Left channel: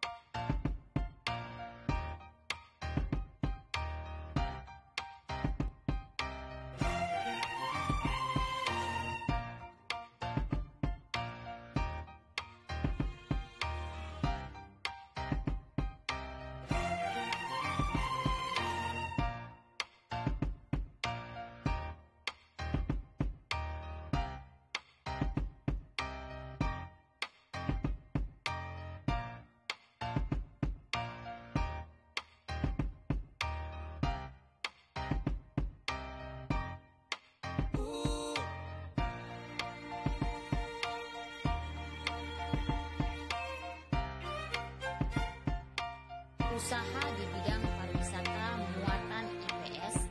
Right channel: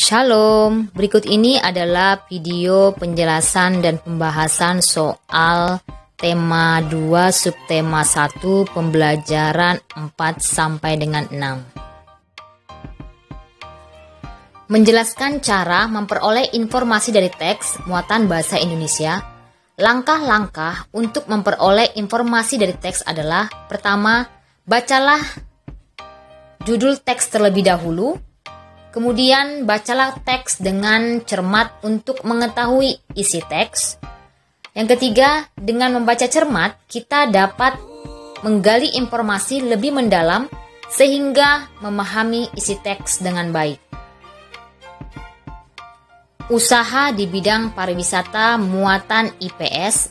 Shalom, berikut ini adalah video penjelasan dan pembahasan soal tema 2 subtema 1 pembelajaran 4 sampai dengan 6. Menjelaskan cara memperoleh informasi dari teks muatan bahasa Indonesia. Langkah-langkah untuk memperoleh informasi dari teks adalah: pertama, bacalah judul teks terlebih dahulu. Kemudian bacalah teks dengan cermat untuk mengetahui isi teks. Yang ketiga, dengan membaca cermat, kita dapat menggali informasi lebih mendalam sehingga memahami isi teks dengan baik. Usaha di bidang pariwisata muatan IPS.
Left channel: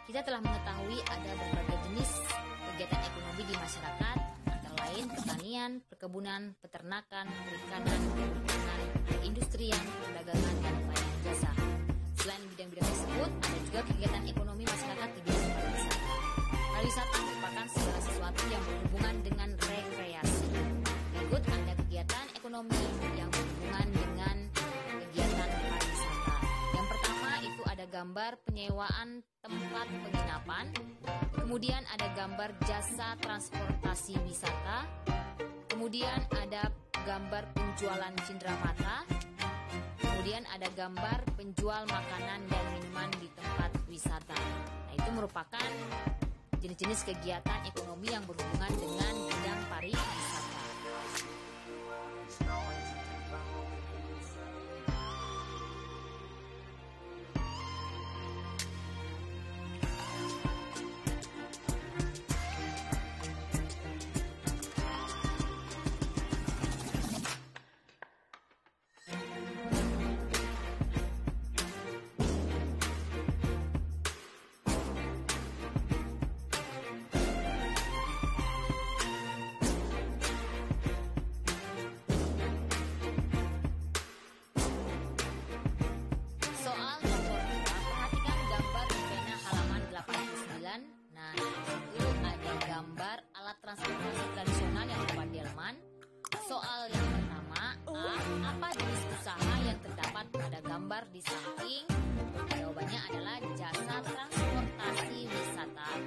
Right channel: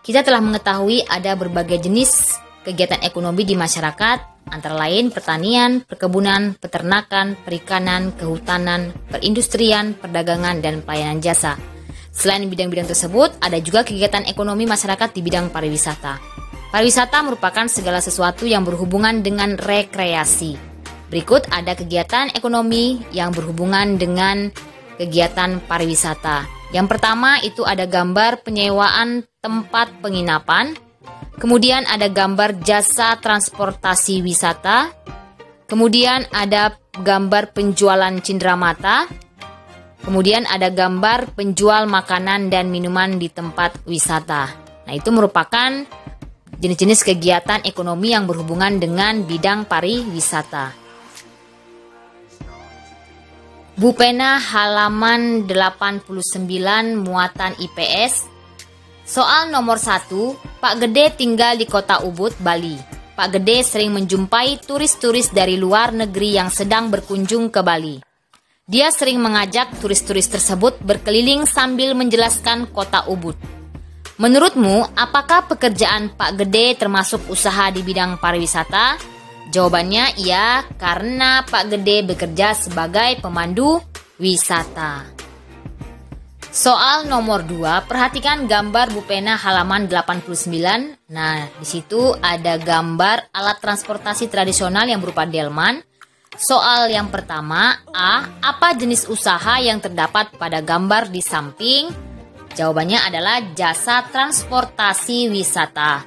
Kita telah mengetahui ada berbagai jenis kegiatan ekonomi di masyarakat, antara lain pertanian, perkebunan, peternakan, perikanan, kehutanan, perindustrian, perdagangan, dan pelayanan jasa. Selain bidang-bidang tersebut, ada juga kegiatan ekonomi masyarakat di bidang pariwisata. Pariwisata merupakan segala sesuatu yang berhubungan dengan rekreasi. Berikut ada kegiatan ekonomi yang berhubungan dengan kegiatan pariwisata. Yang pertama itu ada gambar penyewaan tempat penginapan. Kemudian ada gambar jasa transportasi wisata. Kemudian ada gambar penjualan cenderamata. Kemudian ada gambar penjual makanan dan minuman di tempat wisata. Nah, itu merupakan jenis-jenis kegiatan ekonomi yang berhubungan dengan bidang pariwisata. Bu Pena halaman 89 muatan IPS. Soal nomor 1, Pak Gede tinggal di kota Ubud, Bali. Pak Gede sering menjumpai turis-turis dari luar negeri yang sedang berkunjung ke Bali. Dia sering mengajak turis-turis tersebut berkeliling sambil menjelaskan kota Ubud. Menurutmu, apakah pekerjaan Pak Gede termasuk usaha di bidang pariwisata? Jawabannya iya, karena Pak Gede bekerja sebagai pemandu wisata. Soal nomor 2, perhatikan gambar Bu Pena halaman 89. Nah, di situ ada gambar alat transportasi tradisional yang berupa delman. Soal yang pertama, A. Apa jenis usaha yang terdapat pada gambar di samping? Jawabannya adalah jasa transportasi wisata.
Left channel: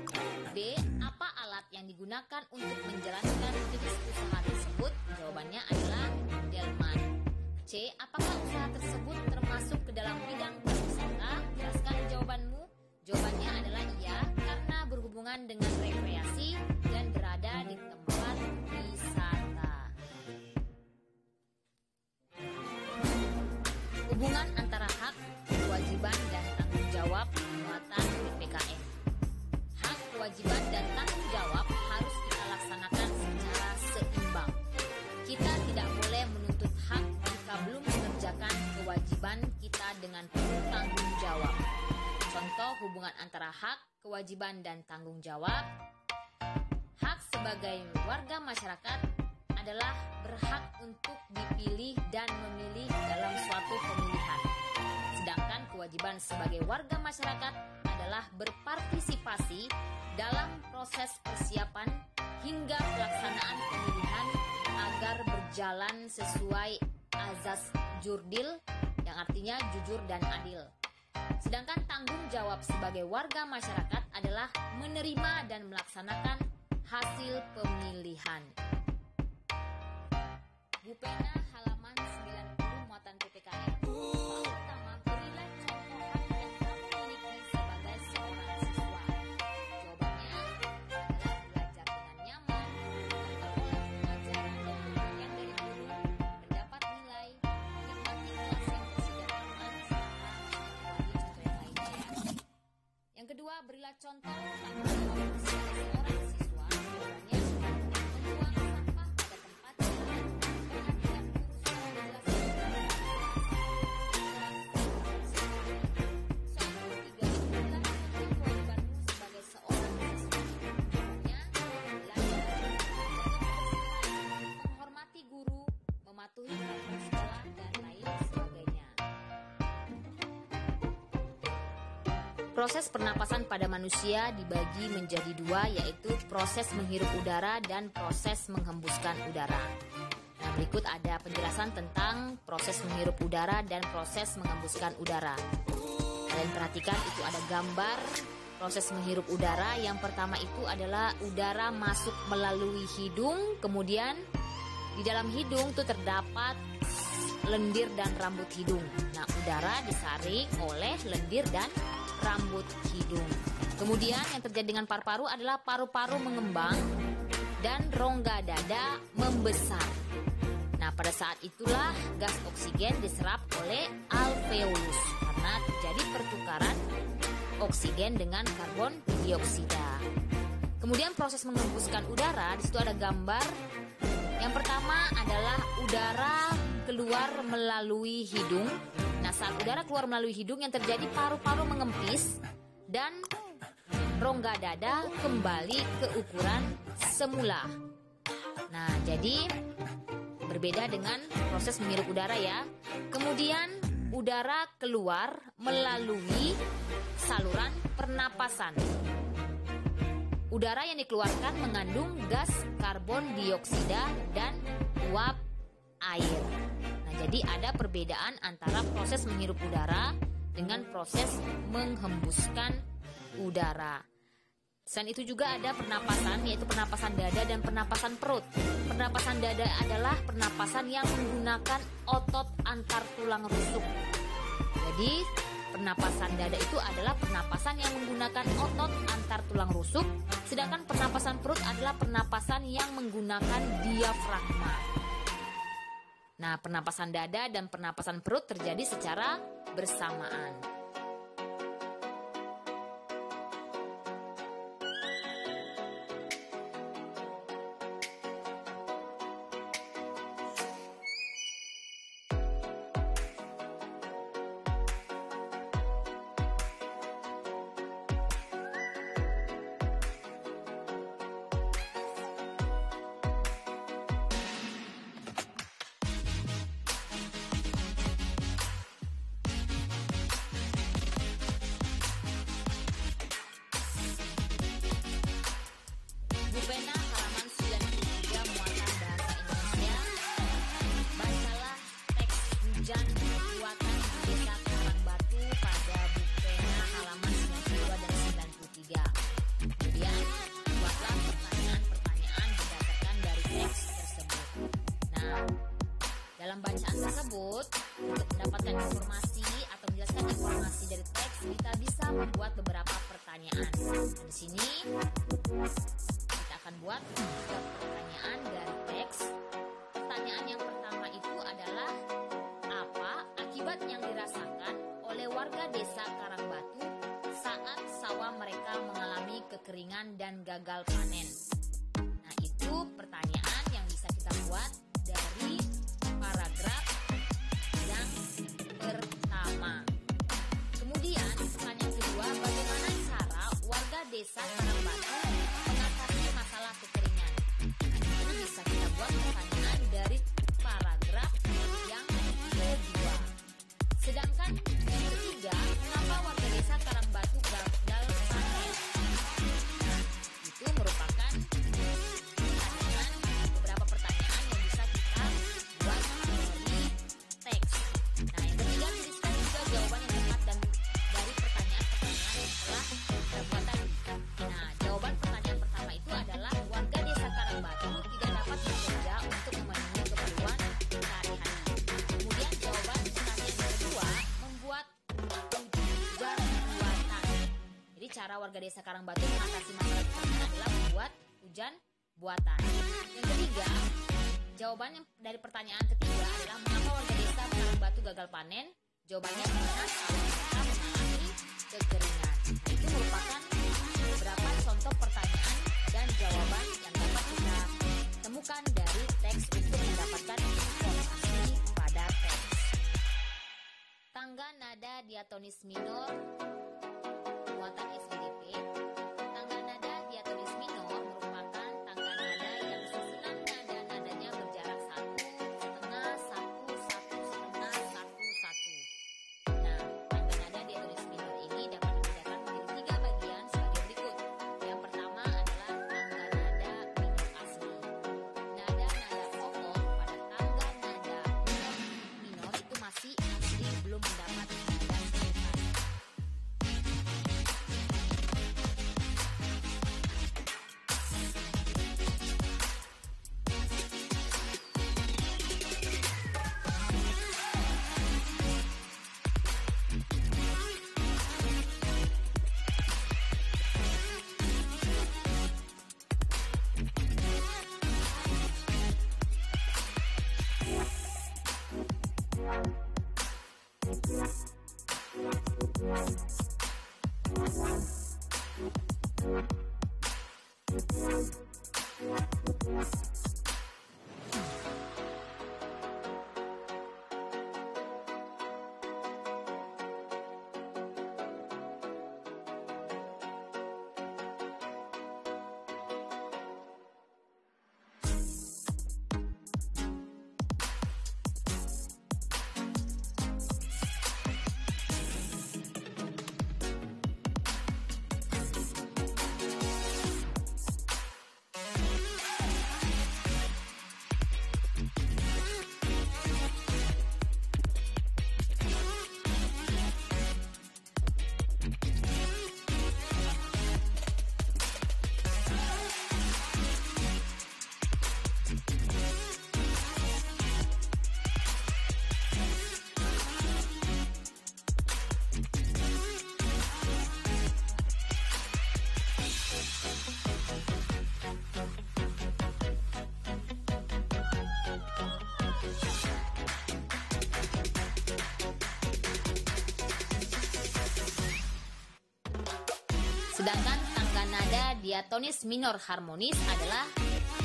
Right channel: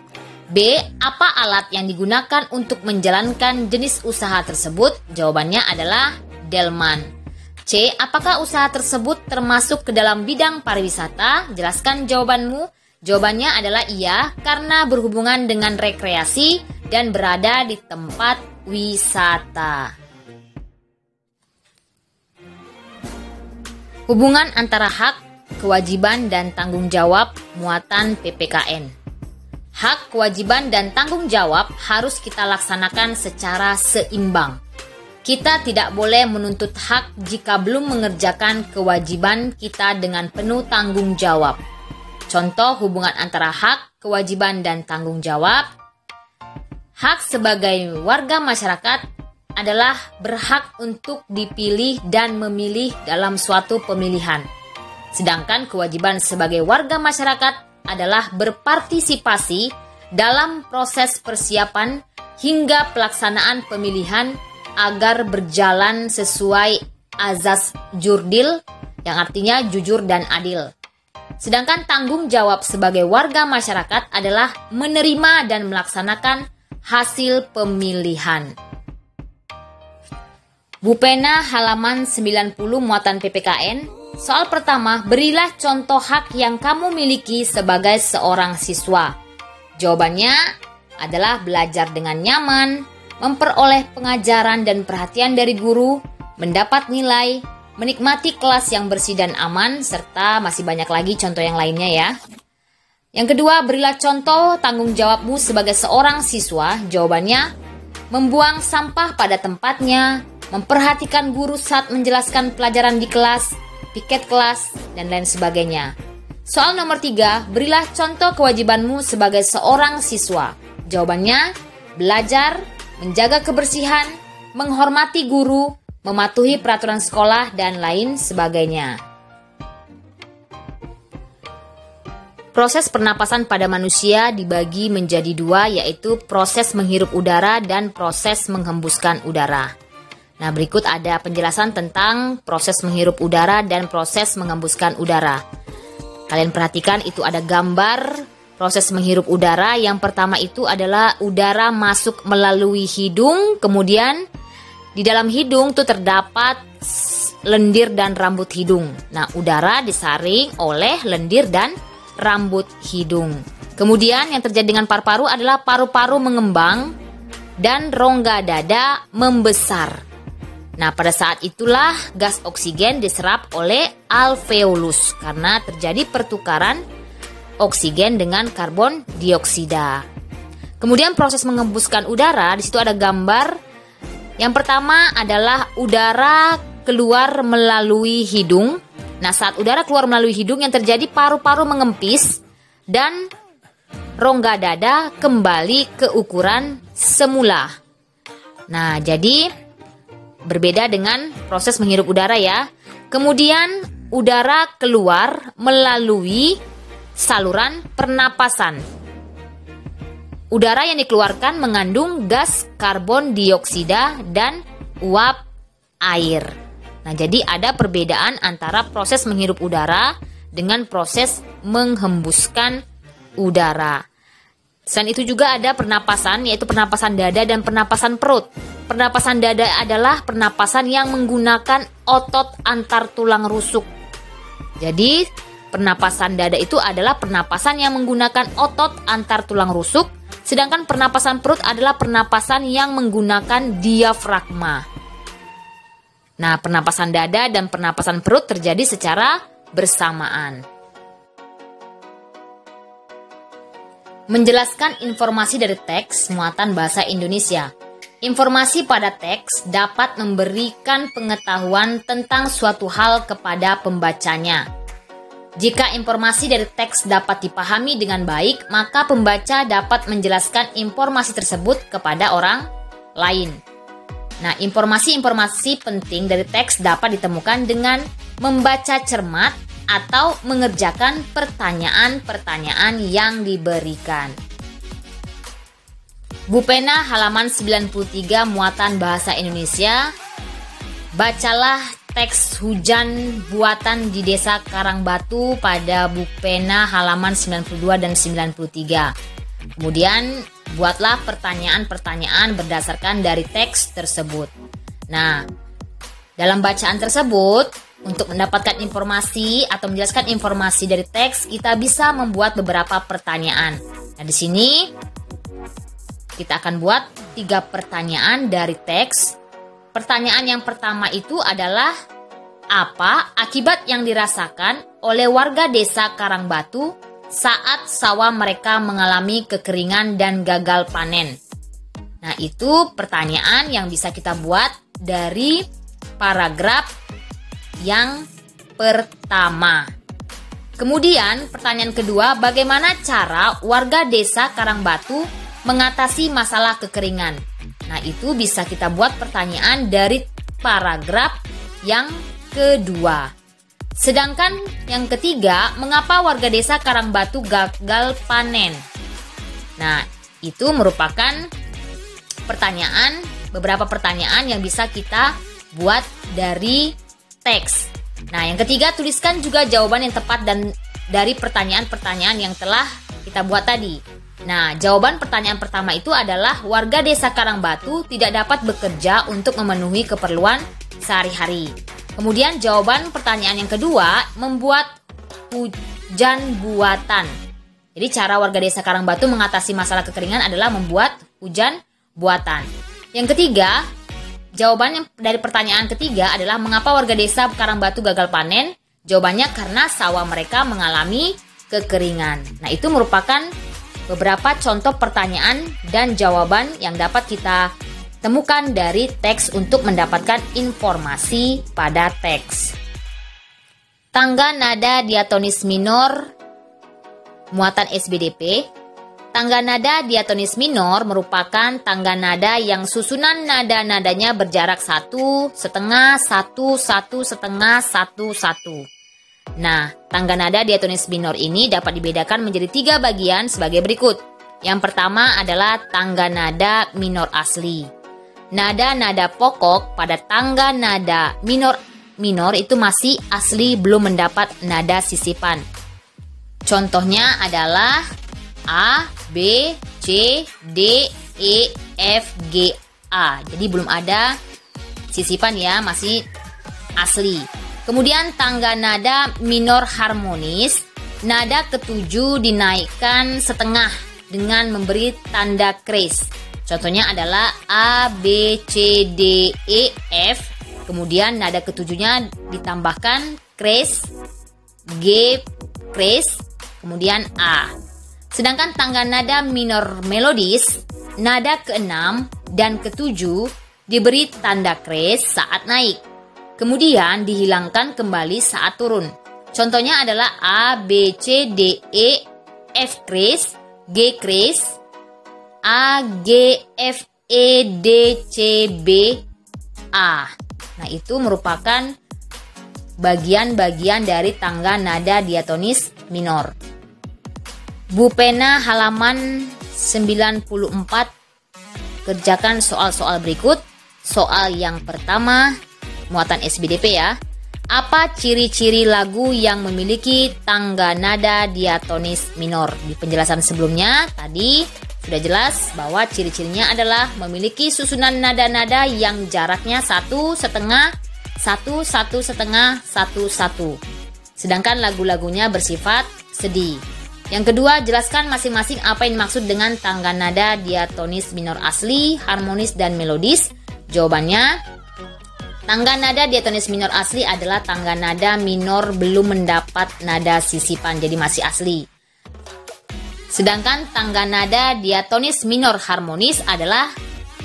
B. Apa alat yang digunakan untuk menjalankan jenis usaha tersebut? Jawabannya adalah delman. C. Apakah usaha tersebut termasuk ke dalam bidang pariwisata? Jelaskan jawabanmu. Jawabannya adalah iya, karena berhubungan dengan rekreasi dan berada di tempat wisata. Hubungan antara hak, kewajiban, dan tanggung jawab muatan PPKN. Hak, kewajiban, dan tanggung jawab harus kita laksanakan secara seimbang. Kita tidak boleh menuntut hak jika belum mengerjakan kewajiban kita dengan penuh tanggung jawab. Contoh hubungan antara hak, kewajiban, dan tanggung jawab. Hak sebagai warga masyarakat adalah berhak untuk dipilih dan memilih dalam suatu pemilihan. Sedangkan kewajiban sebagai warga masyarakat adalah berpartisipasi dalam proses persiapan hingga pelaksanaan pemilihan agar berjalan sesuai azas jurdil, yang artinya jujur dan adil. Sedangkan tanggung jawab sebagai warga masyarakat adalah menerima dan melaksanakan hasil pemilihan. Bu Pena halaman 90 muatan PPKN. Soal pertama, berilah contoh hak yang kamu miliki sebagai seorang siswa. Jawabannya adalah belajar dengan nyaman, memperoleh pengajaran dan perhatian dari guru, mendapat nilai, menikmati kelas yang bersih dan aman, serta masih banyak lagi contoh yang lainnya ya. Yang kedua, berilah contoh tanggung jawabmu sebagai seorang siswa. Jawabannya, membuang sampah pada tempatnya, memperhatikan guru saat menjelaskan pelajaran di kelas, piket kelas, dan lain sebagainya. Soal nomor 3, berilah contoh kewajibanmu sebagai seorang siswa. Jawabannya, belajar, menjaga kebersihan, menghormati guru, mematuhi peraturan sekolah, dan lain sebagainya. Proses pernapasan pada manusia dibagi menjadi dua, yaitu proses menghirup udara dan proses menghembuskan udara. Nah, berikut ada penjelasan tentang proses menghirup udara dan proses mengembuskan udara. Kalian perhatikan itu ada gambar proses menghirup udara. Yang pertama itu adalah udara masuk melalui hidung, kemudian di dalam hidung tuh terdapat lendir dan rambut hidung. Nah, udara disaring oleh lendir dan rambut hidung. Kemudian yang terjadi dengan paru-paru adalah paru-paru mengembang dan rongga dada membesar. Nah, pada saat itulah gas oksigen diserap oleh alveolus karena terjadi pertukaran oksigen dengan karbon dioksida. Kemudian proses mengembuskan udara, di situ ada gambar. Yang pertama adalah udara keluar melalui hidung. Nah, saat udara keluar melalui hidung yang terjadi paru-paru mengempis dan rongga dada kembali ke ukuran semula. Nah, jadi berbeda dengan proses menghirup udara ya. Kemudian udara keluar melalui saluran pernapasan. Udara yang dikeluarkan mengandung gas karbon dioksida dan uap air. Nah, jadi ada perbedaan antara proses menghirup udara dengan proses menghembuskan udara. Selain itu juga ada pernapasan, yaitu pernapasan dada dan pernapasan perut. Pernapasan dada adalah pernapasan yang menggunakan otot antar tulang rusuk. Jadi, pernapasan dada itu adalah pernapasan yang menggunakan otot antar tulang rusuk, sedangkan pernapasan perut adalah pernapasan yang menggunakan diafragma. Nah, pernapasan dada dan pernapasan perut terjadi secara bersamaan. Menjelaskan informasi dari teks muatan bahasa Indonesia. Informasi pada teks dapat memberikan pengetahuan tentang suatu hal kepada pembacanya. Jika informasi dari teks dapat dipahami dengan baik, maka pembaca dapat menjelaskan informasi tersebut kepada orang lain. Nah, informasi-informasi penting dari teks dapat ditemukan dengan membaca cermat atau mengerjakan pertanyaan-pertanyaan yang diberikan. Bupena halaman 93 muatan bahasa Indonesia. Bacalah teks hujan buatan di Desa Karangbatu pada Bupena halaman 92 dan 93. Kemudian buatlah pertanyaan-pertanyaan berdasarkan dari teks tersebut. Nah, dalam bacaan tersebut, untuk mendapatkan informasi atau menjelaskan informasi dari teks, kita bisa membuat beberapa pertanyaan. Nah, di sini kita akan buat 3 pertanyaan dari teks. Pertanyaan yang pertama itu adalah, apa akibat yang dirasakan oleh warga Desa Karangbatu saat sawah mereka mengalami kekeringan dan gagal panen? Nah, itu pertanyaan yang bisa kita buat dari paragraf yang pertama. Kemudian pertanyaan kedua, bagaimana cara warga Desa Karangbatu mengatasi masalah kekeringan? Nah, itu bisa kita buat pertanyaan dari paragraf yang kedua. Sedangkan yang ketiga, mengapa warga Desa Karangbatu gagal panen? Nah, itu merupakan beberapa pertanyaan yang bisa kita buat dari teks. Nah, yang ketiga, tuliskan juga jawaban yang tepat dan dari pertanyaan-pertanyaan yang telah kita buat tadi. Nah, jawaban pertanyaan pertama itu adalah warga Desa Karangbatu tidak dapat bekerja untuk memenuhi keperluan sehari-hari. Kemudian jawaban pertanyaan yang kedua, membuat hujan buatan. Jadi cara warga Desa Karangbatu mengatasi masalah kekeringan adalah membuat hujan buatan. Yang ketiga, jawaban dari pertanyaan ketiga adalah mengapa warga Desa Karangbatu gagal panen? Jawabannya karena sawah mereka mengalami kekeringan. Nah, itu merupakan beberapa contoh pertanyaan dan jawaban yang dapat kita temukan dari teks untuk mendapatkan informasi pada teks. Tangga nada diatonis minor muatan SBDP. Tangga nada diatonis minor merupakan tangga nada yang susunan nada-nadanya berjarak 1, setengah, 1, 1, setengah, 1, 1. Nah, tangga nada diatonis minor ini dapat dibedakan menjadi 3 bagian sebagai berikut. Yang pertama adalah tangga nada minor asli. nada-nada pokok pada tangga nada minor itu masih asli, belum mendapat nada sisipan. Contohnya adalah A, B, C, D, E, F, G, A. Jadi belum ada sisipan ya, masih asli. Kemudian tangga nada minor harmonis, nada ketujuh dinaikkan setengah dengan memberi tanda kres. Contohnya adalah A, B, C, D, E, F. Kemudian nada ketujuhnya ditambahkan kres, G, kres, kemudian A. Sedangkan tangga nada minor melodis, nada ke-6 dan ke-7 diberi tanda kres saat naik. Kemudian dihilangkan kembali saat turun. Contohnya adalah A, B, C, D, E, F kres, G kres, A, G, F, E, D, C, B, A. Nah, itu merupakan bagian-bagian dari tangga nada diatonis minor. Bu Pena halaman 94, kerjakan soal-soal berikut. Soal yang pertama, muatan SBDP ya. Apa ciri-ciri lagu yang memiliki tangga nada diatonis minor? Di penjelasan sebelumnya tadi sudah jelas bahwa ciri-cirinya adalah memiliki susunan nada-nada yang jaraknya 1,5, 1, 1,5, 1, 1. Sedangkan lagu-lagunya bersifat sedih. Yang kedua, jelaskan masing-masing apa yang dimaksud dengan tangga nada diatonis minor asli, harmonis, dan melodis. Jawabannya, tangga nada diatonis minor asli adalah tangga nada minor belum mendapat nada sisipan, jadi masih asli. Sedangkan tangga nada diatonis minor harmonis adalah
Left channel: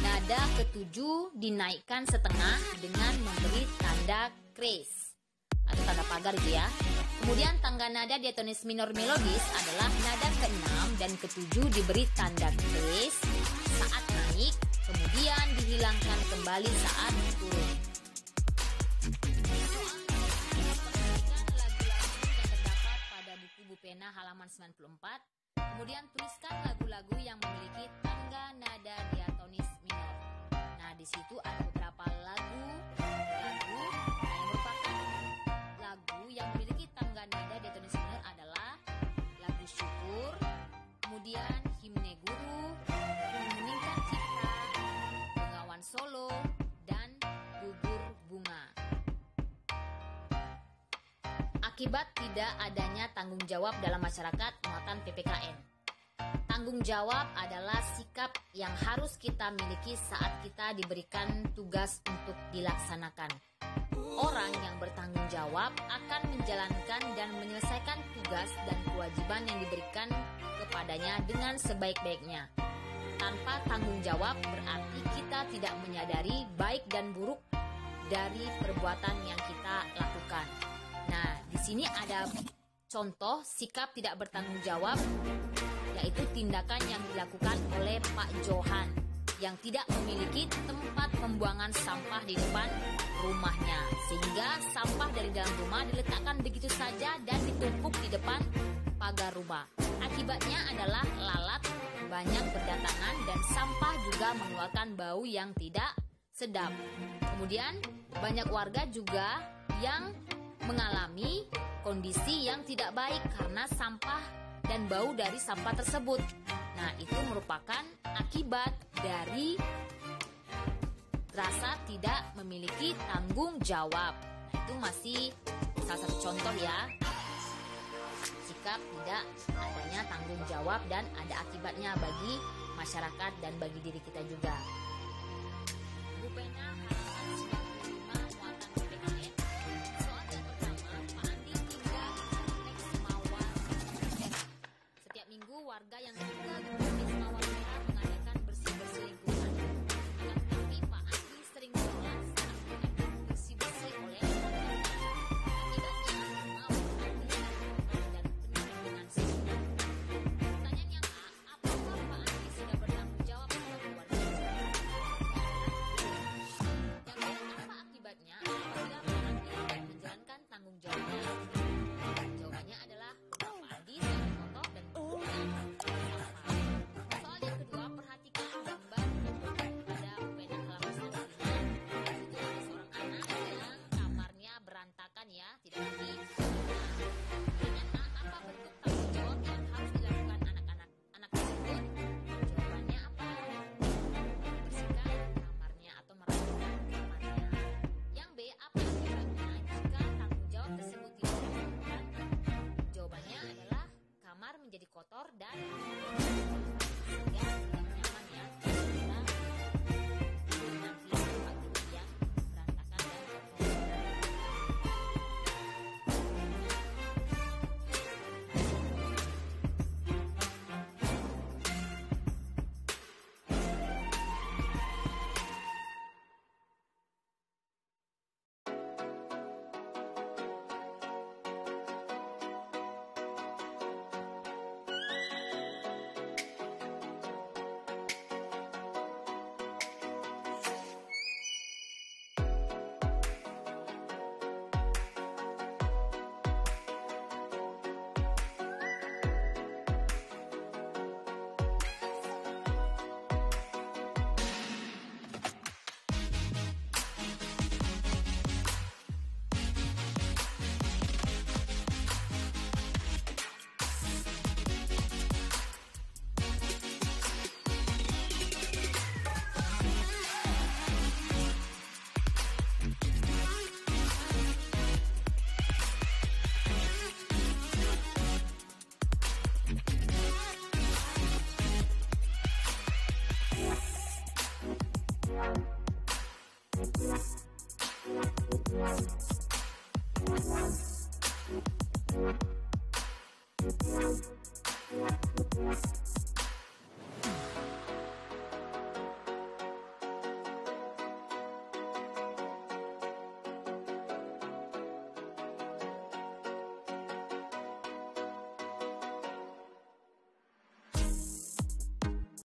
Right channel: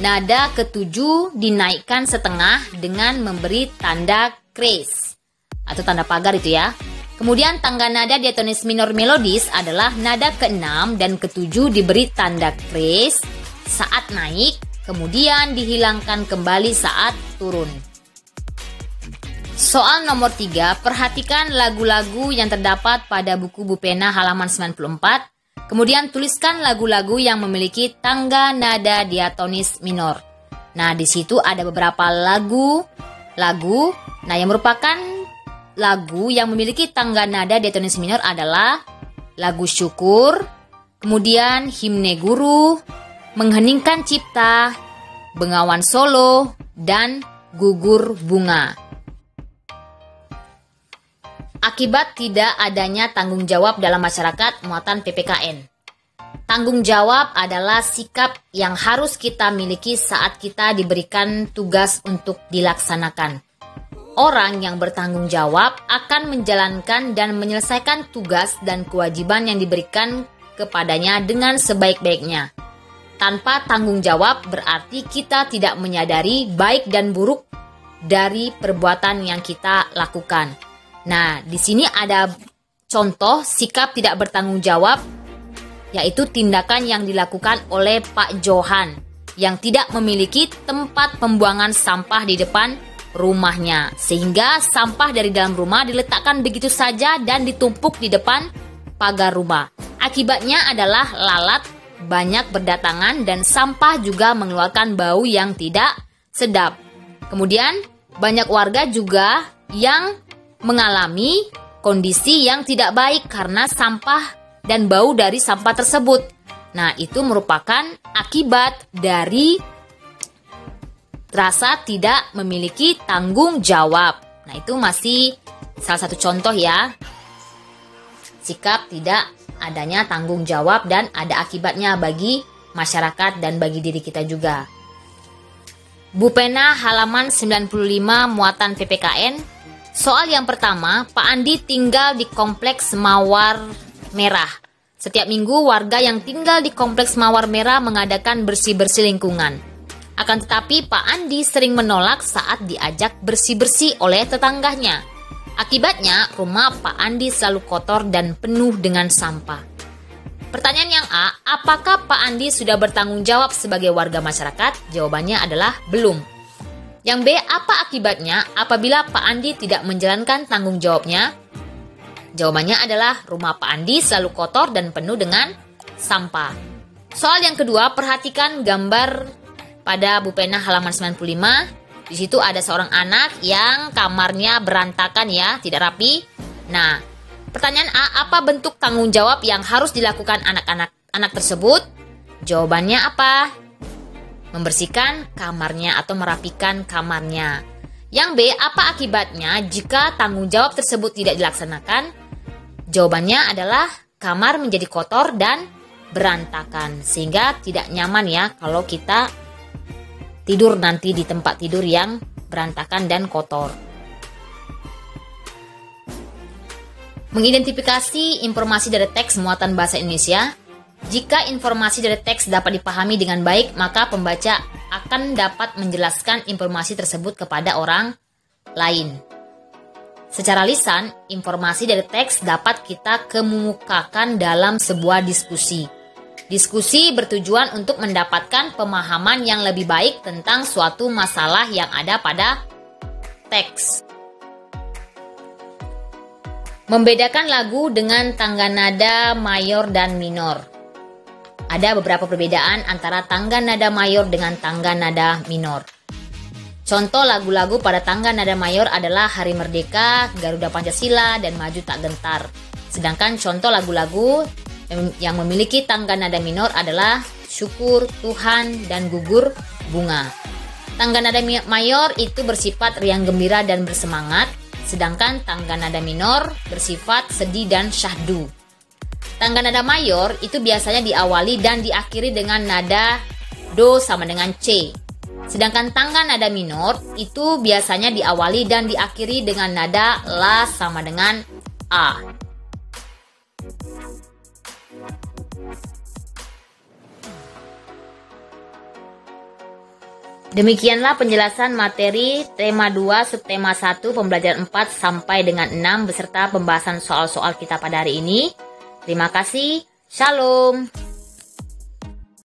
nada ketujuh dinaikkan setengah dengan memberi tanda kres atau tanda pagar itu ya. Kemudian tangga nada diatonis minor melodis adalah nada ke-6 dan ke-7 diberi tanda kres saat naik, kemudian dihilangkan kembali saat turun. Soal nomor 3, perhatikan lagu-lagu yang terdapat pada buku Bu Pena halaman 94. Kemudian tuliskan lagu-lagu yang memiliki tangga nada diatonis minor. Nah, di situ ada beberapa lagu. Nah, yang merupakan lagu yang memiliki tangga nada diatonis minor adalah lagu Syukur, kemudian Himne Guru, Mengheningkan Cipta, Bengawan Solo, dan Gugur Bunga. Akibat tidak adanya tanggung jawab dalam masyarakat, muatan PPKN. Tanggung jawab adalah sikap yang harus kita miliki saat kita diberikan tugas untuk dilaksanakan. Orang yang bertanggung jawab akan menjalankan dan menyelesaikan tugas dan kewajiban yang diberikan kepadanya dengan sebaik-baiknya. Tanpa tanggung jawab berarti kita tidak menyadari baik dan buruk dari perbuatan yang kita lakukan. Nah, di sini ada contoh sikap tidak bertanggung jawab, yaitu tindakan yang dilakukan oleh Pak Johan yang tidak memiliki tempat pembuangan sampah di depan rumahnya, sehingga sampah dari dalam rumah diletakkan begitu saja dan ditumpuk di depan pagar rumah. Akibatnya adalah lalat banyak berdatangan dan sampah juga mengeluarkan bau yang tidak sedap. Kemudian banyak warga juga yang mengalami kondisi yang tidak baik karena sampah dan bau dari sampah tersebut. Nah, itu merupakan akibat dari rasa tidak memiliki tanggung jawab. Nah, itu masih salah satu contoh ya. Sikap tidak adanya tanggung jawab dan ada akibatnya bagi masyarakat dan bagi diri kita juga. Bu Pena halaman 95 muatan PPKN. Soal yang pertama, Pak Andi tinggal di kompleks Mawar Merah. Setiap minggu warga yang tinggal di kompleks Mawar Merah mengadakan bersih-bersih lingkungan. Akan tetapi Pak Andi sering menolak saat diajak bersih-bersih oleh tetangganya. Akibatnya rumah Pak Andi selalu kotor dan penuh dengan sampah. Pertanyaan yang A, apakah Pak Andi sudah bertanggung jawab sebagai warga masyarakat? Jawabannya adalah belum. Yang B, apa akibatnya apabila Pak Andi tidak menjalankan tanggung jawabnya? Jawabannya adalah rumah Pak Andi selalu kotor dan penuh dengan sampah. Soal yang kedua, perhatikan gambar pada buku pena halaman 95. Di situ ada seorang anak yang kamarnya berantakan ya, tidak rapi. Nah, pertanyaan A, apa bentuk tanggung jawab yang harus dilakukan anak tersebut? Jawabannya apa? Membersihkan kamarnya atau merapikan kamarnya. Yang B, apa akibatnya jika tanggung jawab tersebut tidak dilaksanakan? Jawabannya adalah kamar menjadi kotor dan berantakan, sehingga tidak nyaman ya kalau kita tidur nanti di tempat tidur yang berantakan dan kotor. Mengidentifikasi informasi dari teks muatan bahasa Indonesia. Jika informasi dari teks dapat dipahami dengan baik, maka pembaca akan dapat menjelaskan informasi tersebut kepada orang lain. Secara lisan, informasi dari teks dapat kita kemukakan dalam sebuah diskusi. Diskusi bertujuan untuk mendapatkan pemahaman yang lebih baik tentang suatu masalah yang ada pada teks. Membedakan lagu dengan tangga nada mayor dan minor. Ada beberapa perbedaan antara tangga nada mayor dengan tangga nada minor. Contoh lagu-lagu pada tangga nada mayor adalah Hari Merdeka, Garuda Pancasila, dan Maju Tak Gentar. Sedangkan contoh lagu-lagu yang memiliki tangga nada minor adalah Syukur, Tuhan, dan Gugur Bunga. Tangga nada mayor itu bersifat riang gembira dan bersemangat, sedangkan tangga nada minor bersifat sedih dan syahdu. Tangga nada mayor itu biasanya diawali dan diakhiri dengan nada Do sama dengan C. Sedangkan tangga nada minor itu biasanya diawali dan diakhiri dengan nada La sama dengan A. Demikianlah penjelasan materi tema 2 subtema 1 pembelajaran 4 sampai dengan 6 beserta pembahasan soal-soal kita pada hari ini. Terima kasih. Shalom.